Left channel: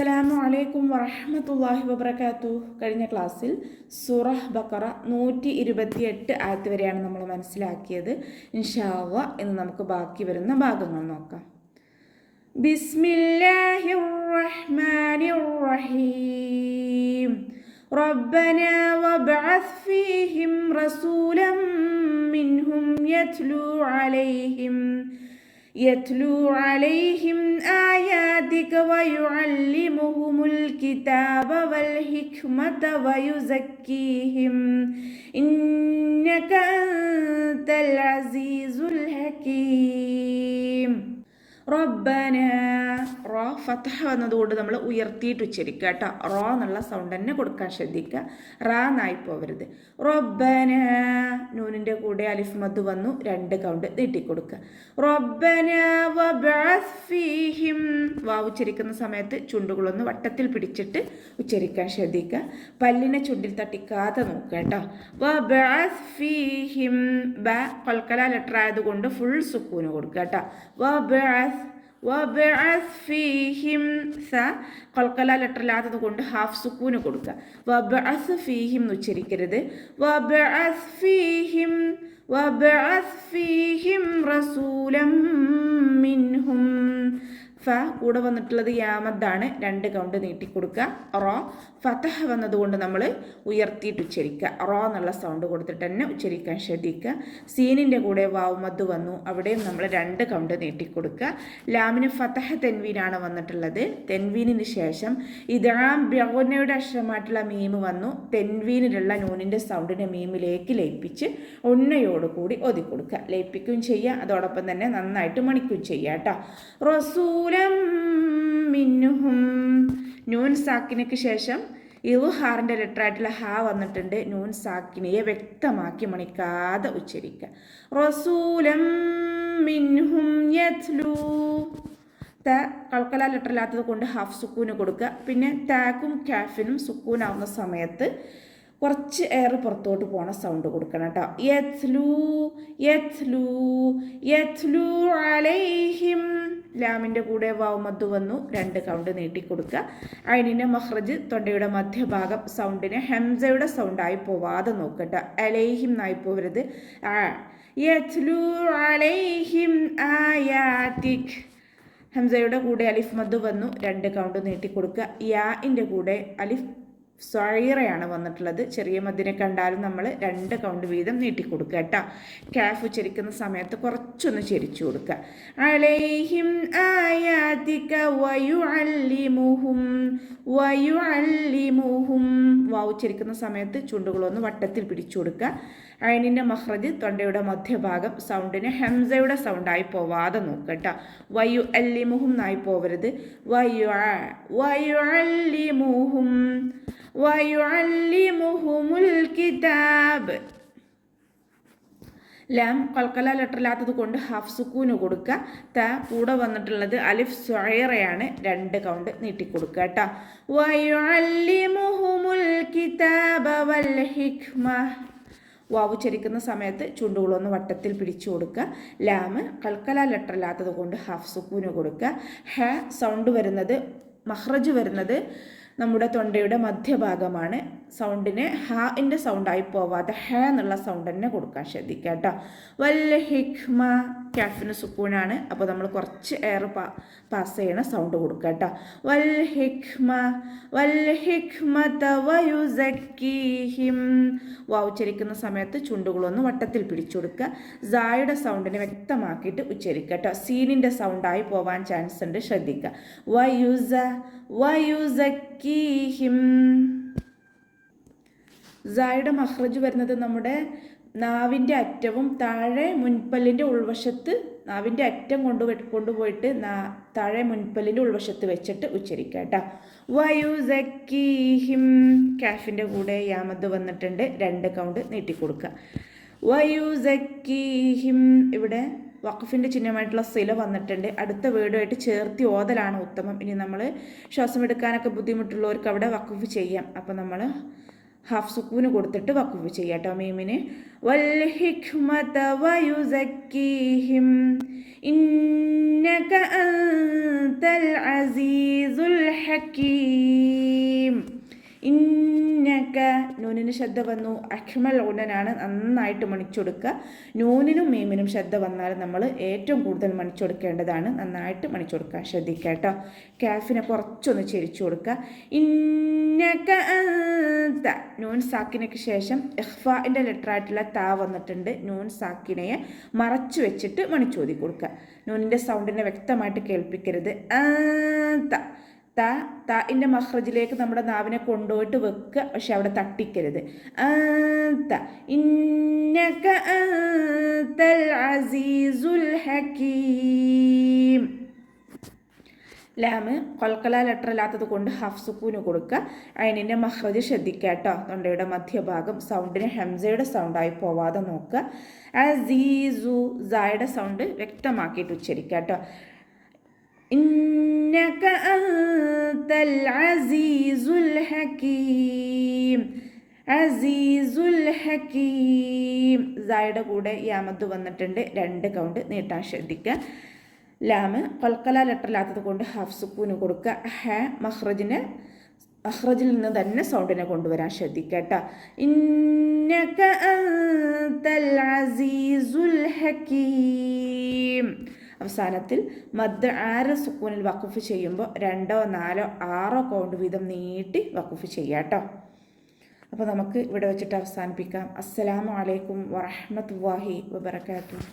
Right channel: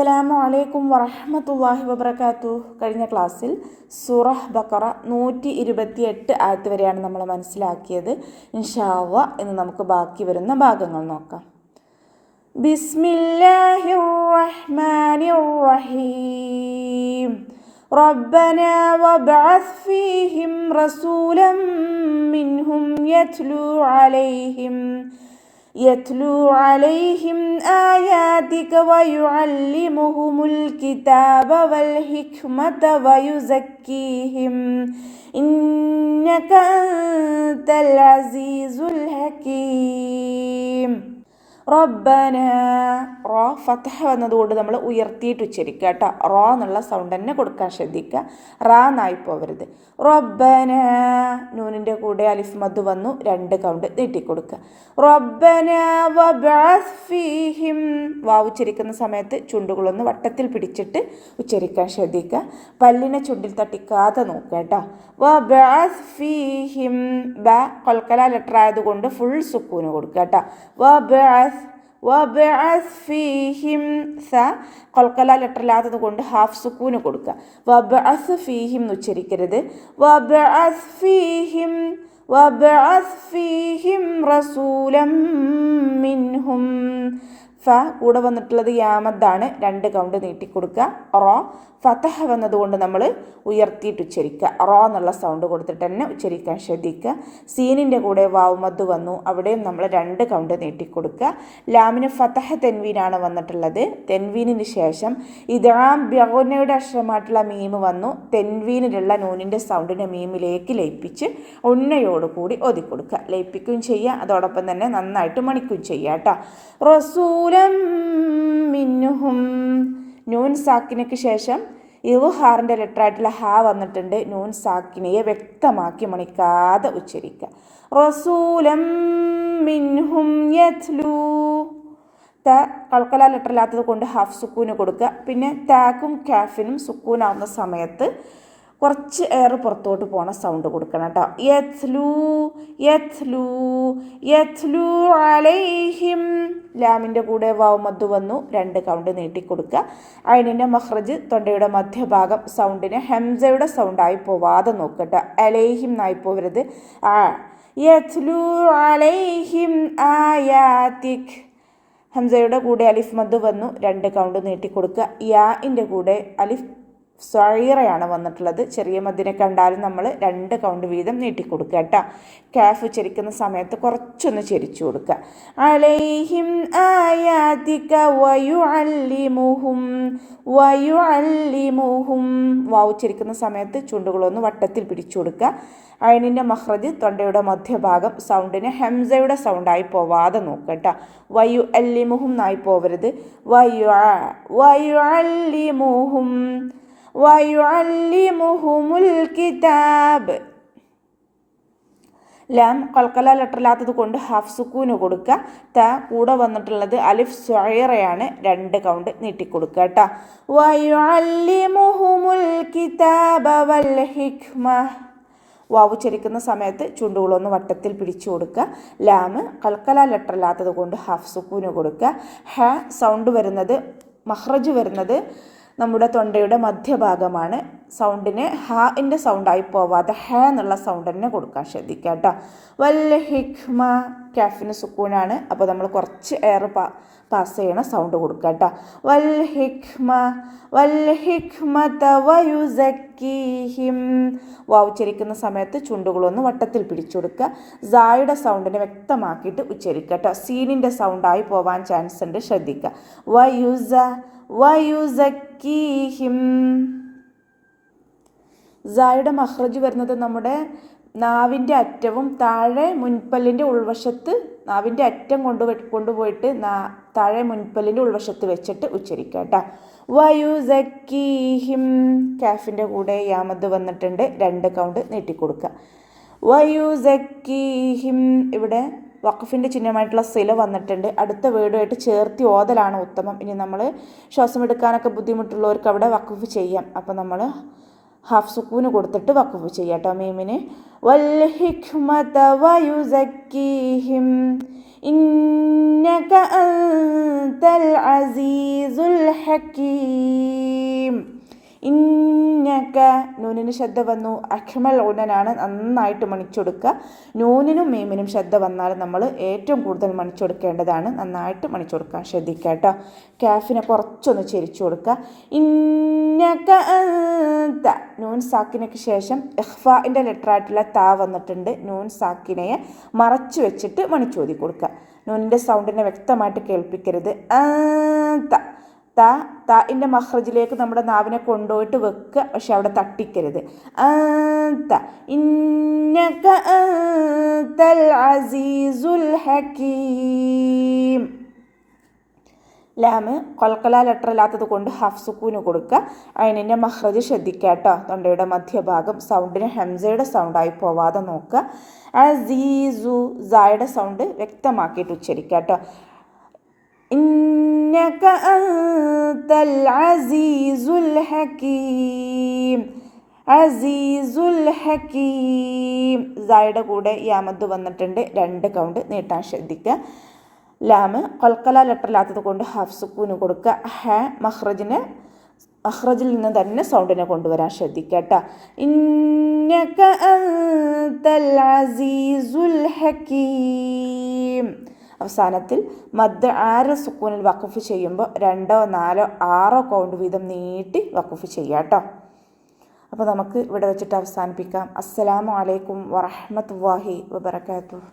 അസ്സലാമു അലൈക്കും വറഹ്മത്തുള്ളാഹി വബറകാതുഹു. കഴിഞ്ഞ ക്ലാസ്സിൽ സൂറഹ് ബഖറ 128 ആയത്ത് വരെയാണ് നമ്മൾ മനസ്സിലാക്കിയത്. ഇൻഷാ അല്ലാഹ് ഇന്ന് നമുക്ക് ബാക്കി വരുന്ന ഭാഗങ്ങൾ നോക്കാം. ബിസ്മില്ലാഹിർ റഹ്മാനിർ റഹീം. റബ്ബനാ വബ്അസ് ഫീഹിം റസൂലൻ മിൻഹും يتلو عليهم آياتك ويعلمهم الكتاب والحكمة ويزكيهم إنك أنت العزيز الحكيم. റബ്ബന റോ ഫതഹ എന്നതുകൊണ്ട് നമ്മൾ ഉയർത്തിയിട്ട് ഉച്ചരിക്കുക കേട്ടോ. റോ എന്നുള്ള സൗണ്ട് തന്നെ കൊടുക്കാൻ ശ്രദ്ധിക്കുക. റാ എന്നായി പോവരുത്. റബ്ബന നൂനിൻ്റെ കൂടെ അലിഫ് മദ് വന്നു, 2 കൗണ്ട് നീട്ടിക്കൊടുക്കുക. റബ്ബന വബ്അസ് ഫീഹിം വാവ് ഉച്ചരിക്കുന്ന സമയത്ത് ചുണ്ടുകളൊന്ന് വട്ടത്തിൽ പിടിച്ചിട്ട് ഉച്ചരിക്കാൻ ശ്രദ്ധിക്കുക. പല്ലിനെ ചുണ്ടിൽ തട്ടിക്കാതെ നോക്കുക കേട്ടോ. വബ്അസ് ഫീഹിം ബ കൊൽക്കല ലെറ്റർ ആയതുകൊണ്ട് ഫുൾ സുക്കൂന് കൊടുക്കുക കേട്ടോ. വബ്അസ് ഫീഹിം സ കൊൽക്കല ലെറ്ററിലാത്തത് കൊണ്ട് ഹാഫ് സുക്കൂന് കൊടുക്കുക. വബ്അസ് ഫീഹിം എന്ന് ഉച്ചരിക്കരുത്. വബ്അസ് ഫീഹിം റസൂലൻ മിൻഹും ഫ കൂടെ വന്നിട്ടുള്ളത് യാമദ്ദാണ്, 2 കൗണ്ട് നീട്ടിക്കൊടുക്കുക. റോ ഫതഹ വന്നതുകൊണ്ട് നമ്മൾ ഉയർത്തിയിട്ട് ഉച്ചരിക്കുക. റോ എന്നുള്ള സൗണ്ട് കൊടുത്തിട്ട് തന്നെ ഉച്ചരിക്കാൻ ശ്രദ്ധിക്കുക. സീനിൻ്റെ കൂടെ വാവ് മദ് വന്നു, അവിടെയും നമ്മൾ 2 കൗണ്ട് നീട്ടിക്കൊടുക്കുക. ലാമിന് ഫതഹ തെൻവീനാണ് വന്നിട്ടുള്ളത്. തെൻവീനിന് ശേഷം ഇദ്ഗാം ബിഗുനയുടെ അക്ഷരമായിട്ടുള്ള മീം വന്നു. തെൻവീനിലുള്ള നൂനിൻ്റെ സൗണ്ടിനെ മീമിലേക്ക് ലയിപ്പിച്ച് ഉണ്ണയോടുകൂടി ഓതിക്കൊടുക്കുക. ലയിപ്പിക്കുകയും ചെയ്യുക, അതോടൊപ്പം തന്നെ നന്നായിട്ട് മണിക്കുകയും ചെയ്യുക കേട്ടോ. റസൂലൻ മിൻഹും നൂൻ സാക്കിനയ്ക്ക് ശേഷം ഇദ്ഹാറിൻ്റെ ലെറ്ററായിട്ടുള്ള ഹാ വന്നിട്ടുണ്ട്. നൂൻ സാക്കിനയെ വ്യക്തമാക്കി മണിക്കാതെ ഉച്ചരിക്കുക. റസൂലൻ മിൻഹും യത്ലൂ ത കൽക്കല ലെറ്ററില്ലാത്തത് കൊണ്ട് ഹാഫ് സുക്കൂന് കൊടുക്കുക. പിന്നെ താക്കും കാഫിനും സുക്കൂനാവുന്ന സമയത്ത് കുറച്ച് എയർ പുറത്തോട്ട് പോണ സൗണ്ട് കൊടുക്കണം കേട്ടോ. യത്ലൂ അലൈഹിം ലാമിൻ്റെ കൂടെ വാവ് മദ് വന്നു, 2 കൗണ്ട് നീട്ടിക്കൊടുക്കുക. ഐനിൻ്റെ മഖ്റജ് തൊണ്ടയുടെ മധ്യഭാഗം സൗണ്ടിന് ഹംസയുടെ സൗണ്ടായി പോവാതെ നോക്കട്ടെ. അലൈഹിം എന്നായി പോവരുത്. യത്ലൂ അലൈഹിം ആയാതിക് ഹംസയുടെ കൂടെ അലിഫ് മദ് വന്നു, 2 കൗണ്ട് നീട്ടിക്കൊടുക്കുക. യാഇൻ്റെ കൂടെ അലിഫ് സ്വൈറയാണ് വന്നിട്ടുള്ളത്. ചെറിയ മദ്ദിനെ കണ്ടാലും നമ്മൾ 2 കൗണ്ട് വീതം നീട്ടിക്കൊടുക്കുക കേട്ടോ. കാഫ് ഉച്ചരിക്കുന്ന സമയത്ത് കുറച്ചൊന്ന് ചെരിച്ചു കൊടുക്കുക. അലൈഹിം ആയാതിക വയുഅല്ലിമുഹും വാവ് ഉച്ചരിക്കുന്ന സമയത്ത് ചുണ്ടുകളൊന്ന് വട്ടത്തിൽ പിടിച്ചു കൊടുക്കുക. ഐനിൻ്റെ മഖ്റജ് തൊണ്ടയുടെ മധ്യഭാഗം സൗണ്ടിന് ഹംസയുടെ സൗണ്ടായി പോവാതെ നോക്കുക കേട്ടോ. വയുഅല്ലിമുഹും എന്നായി പോവരുത്. വയുഅല്ലിമുഹുമുൽ കിതാബ് ലാം കൽക്കല ലെറ്ററില്ലാത്തത് കൊണ്ട് ഹാഫ് സുക്കൂന് കൊടുക്കുക. ത കൂടെ വന്നിട്ടുള്ളത് അലിഫ് സ്വൈറയാണ്, 2 കൗണ്ട് നീട്ടിക്കൊടുക്കുക കേട്ടോ. വയുഅല്ലിമുഹുമുൽ കിതാബ വൽ ഹിക്മ വാവ് ഉച്ചരിക്കുന്ന സമയത്ത് ചുണ്ടുകളൊന്ന് വട്ടത്തിൽ പിടിച്ചു കൊടുക്കുക. ലാമ് കൽക്കല ലെറ്ററില്ലാത്തത് കൊണ്ട് ഹാഫ് സുക്കൂന് കൊടുക്കുക. ഹ സൗണ്ട് വരുന്നത് മഖ്റജ് വരുന്നത് നമ്മുടെ തൊണ്ടയുടെ മധ്യഭാഗമാണ്. സൗണ്ടിന് ഹാഇൻ്റെ സൗണ്ടായി പോവാതെ ഹ എന്നുള്ള സൗണ്ട് തന്നെ കൊടുക്കാൻ ശ്രദ്ധിക്കുക കേട്ടോ. വൽ ഹിക്മ കാഫിന് സുക്കൂനാണ്, അപ്പോൾ നമ്മൾ കുറച്ച് എയർ പാസ് ചെയ്യണ സൗണ്ട് കൊടുക്കുക കേട്ടോ. വൽ ഹിക്മത വയുസക്കീഹിം വാവ് ഉച്ചരിക്കുന്ന സമയത്ത് ചുണ്ടുകളൊന്ന് വട്ടത്തിൽ പിടിച്ചു കൊടുക്കുക. സായുടെ സൗണ്ടിനെ വ്യക്തമാക്കിയിട്ട് ഉച്ചരിക്കുക കേട്ടോ. സീനിൻ്റെ സൗണ്ടായി പോവാൻ ചാൻസ് ഉണ്ട്, ശ്രദ്ധിക്കുക. വയുസക്കീഹിം സായുടെ മഖ്റജ് വരുന്നത് നമ്മുടെ നാവിൻ്റെ അറ്റവും താഴെ മുൻപല്ലിൻ്റെ ഉൾവശത്ത് നാവിൻ്റെ അറ്റം കൊണ്ടുപോയിട്ട് താഴെ മുൻപല്ലിൻ്റെ ഉൾവശത്ത് വെച്ചിട്ട് ഉച്ചരിക്കുക കേട്ടോ. വയുസക്കീഹിം കാഫിൻ്റെ കൂടെ യാമദ് വന്നിട്ടുണ്ട്, 2 കൗണ്ട് നീട്ടിക്കൊടുക്കുക. വയുസക്കീഹിം ഇവിടെ വഖഫിൻ്റെ ചിഹ്നമായിട്ടുള്ള സില വന്നിട്ടുണ്ട്. അടുത്ത വേർഡുമായിട്ട് ചേർത്തി ഓതലാണ് ഉത്തമം. ഇനി നമ്മൾ ശ്വാസം എടുക്കാനൊക്കെ ബുദ്ധിമുട്ടുള്ളവർക്ക് അവിടെ വഖഫ് ചെയ്യാം. അപ്പോൾ നമ്മൾ ഹാഫ് സുക്കൂന് കൊടുത്തിട്ട് വഖഫ് ചെയ്യാം കേട്ടോ. മീമിന് വൽ ഹിക്മത വയുസക്കീഹിം ഇന്നക അൻതൽ അസീസുൽ ഹകീം. ഇന്നക നൂനിന് ശബ്ദ വന്നു. അഖ്മൽ ഉടനാണ്, നന്നായിട്ട് മണിച്ചെടുക്കുക. നൂനിനും മീമിനും ശബ്ദ വന്നാൽ നമ്മൾ ഏറ്റവും കൂടുതൽ മണിച്ചെടുക്കേണ്ടതാണ്. നന്നായിട്ട് മണിച്ചെടുക്കാൻ ശ്രദ്ധിക്കുക കേട്ടോ. കാഫിനെ കുറച്ചൊന്ന് ചെരിച്ചു കൊടുക്കുക. ഇന്നക അൻത നൂൻ സാക്കിനയ്ക്ക് ശേഷം ഇഖ്ഫാഇൻ്റെ ലെറ്ററായിട്ടുള്ള താ വന്നിട്ടുണ്ട്. നൂൻ സാക്കിനയെ മറച്ചു വെച്ചിട്ട് മണിച്ചോതി കൊടുക്കുക. നൂനിൻ്റെ സൗണ്ടിനെ വ്യക്തമായിട്ട് കേൾപ്പിക്കരുത്. അൻത താഇൻ്റെ മഖ്റജിലേക്ക് നമ്മുടെ നാവിനെ കൊണ്ടുപോയിട്ട് വെക്കുക, പക്ഷെ അവിടെ തട്ടിക്കരുത്. അൻത ഇന്നക അൻതൽ അസീസുൽ ഹകീം. ലാമ് ഖൽഖല ലെറ്റർ അല്ലാത്തത് കൊണ്ട് ഹാഫ് സുക്കൂന് കൊടുക്കുക. അയിനിൻ്റെ മഖ്റജ് ശ്രദ്ധിക്കുക കേട്ടോ. തൊണ്ടയുടെ മധ്യഭാഗം സൗണ്ടിന് ഹംസയുടെ സൗണ്ടായി പോവാതെ നോക്കുക. അസീസു സായുടെ സൗണ്ട് വ്യക്തമാക്കിയിട്ട് ഉച്ചരിക്കുക കേട്ടോ. ഇന്നക അൻതൽ അസീസുൽ ഹകീം. അസീസുൽ ഹകീം. സായുടെ കൂടെ യാമദ് വന്നിട്ടുണ്ട്. 2 കൗണ്ട് നീട്ടാൻ ശ്രദ്ധിക്കുക. ലാമ് ഖൽഖല ലെറ്ററില്ലാത്തത് കൊണ്ട് ഹാഫ് സുക്കൂന് കൊടുക്കുക. ഹ മഖ്റജിൽ നിന്ന് തന്നെ സൗണ്ടിനെ കൊണ്ടുവരാൻ ശ്രദ്ധിക്കുക കേട്ടോ. ഇന്നക അൻതൽ അസീസുൽ ഹകീം. അവസാനത്തിൽ മദ് 6 സുക്കൂനിൽ വഖഫ് ചെയ്യുമ്പോൾ 2, 4, 6 കൗണ്ട് വീതം നീട്ടി വഖഫ് ചെയ്യാം കേട്ടോ. അപ്പോൾ നമുക്ക് ഇവിടെ വെച്ചിട്ട് അവസാനിപ്പിക്കാം. അസ്സലാമു അലൈക്കും വറഹ്മത്തുള്ളാഹി വബറകാതുഹു.